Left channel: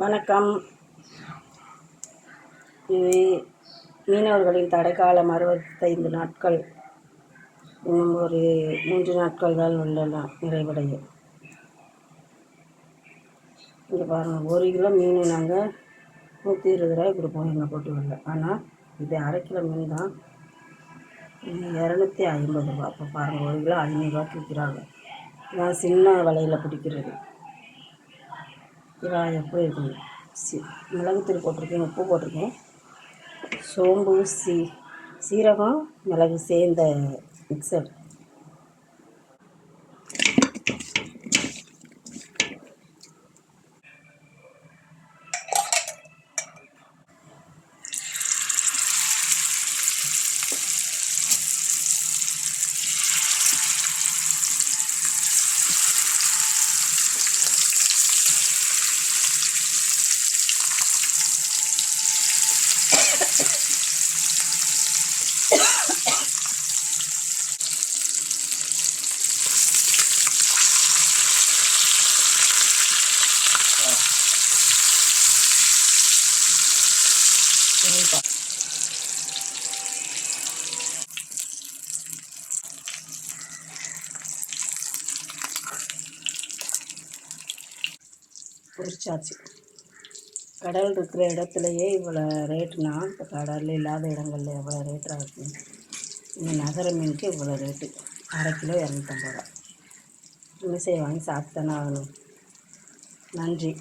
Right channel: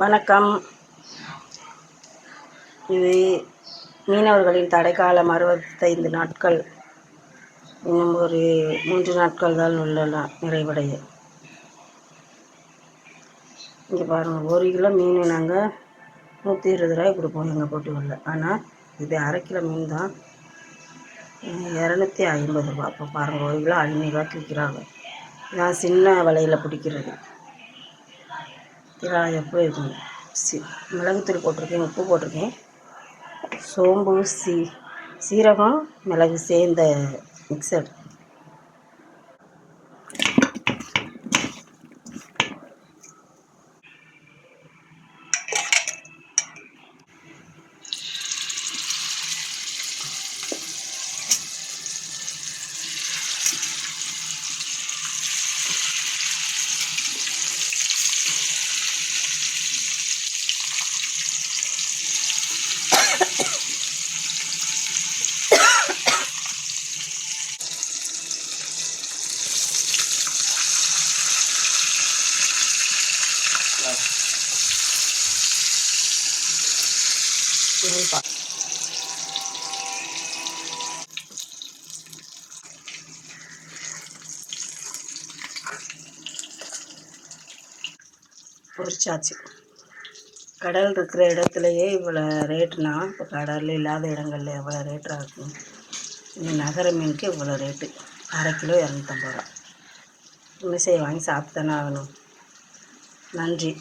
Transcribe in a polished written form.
வணக்கம். இது மீனவர்களின் தடைக்காலம் 65 நாட்கள். இன்னும் ஒரு 3 நாட்கள் தான் உள்ளலாம் நிறைவடைய. இங்கே பாருங்கள், 1 கிலோ மீன் நாங்கள் 120 ரூபாய் கொடுப்போம் எங்கள் போட்டுகளில். ஆனால் இது அரை கிலோ மீன் தான் 250 ரூபா. அப்போ பாருங்கள், 1 கிலோ 500 ரூபாய்க்கு விற்கிறாங்க. நான் சின்ன வலையில் பிடிக்கிறது. இதெல்லாம் எப்படி இருக்குங்க? மிளகுத்தூள் போட்டிருக்கேன், உப்பு போட்டிருக்கேன், சோம்பு, சீரகம், மிளகு சேர்ந்த மிக்சர். பொரிச்சாச்சு. கடல் இருக்கிற இடத்துலையே இவ்வளோ ரேட்டுனா, இப்போ கடல் இல்லாத இடங்கள்ல எவ்வளோ ரேட்டாக இருக்கும். இந்த நகர மீனுக்கு இவ்வளோ ரேட்டு. அரை கிலோ 250 ரூபா. இன்னும் வாங்கி சாப்பிட்டு தானே ஆகணும். நன்றி.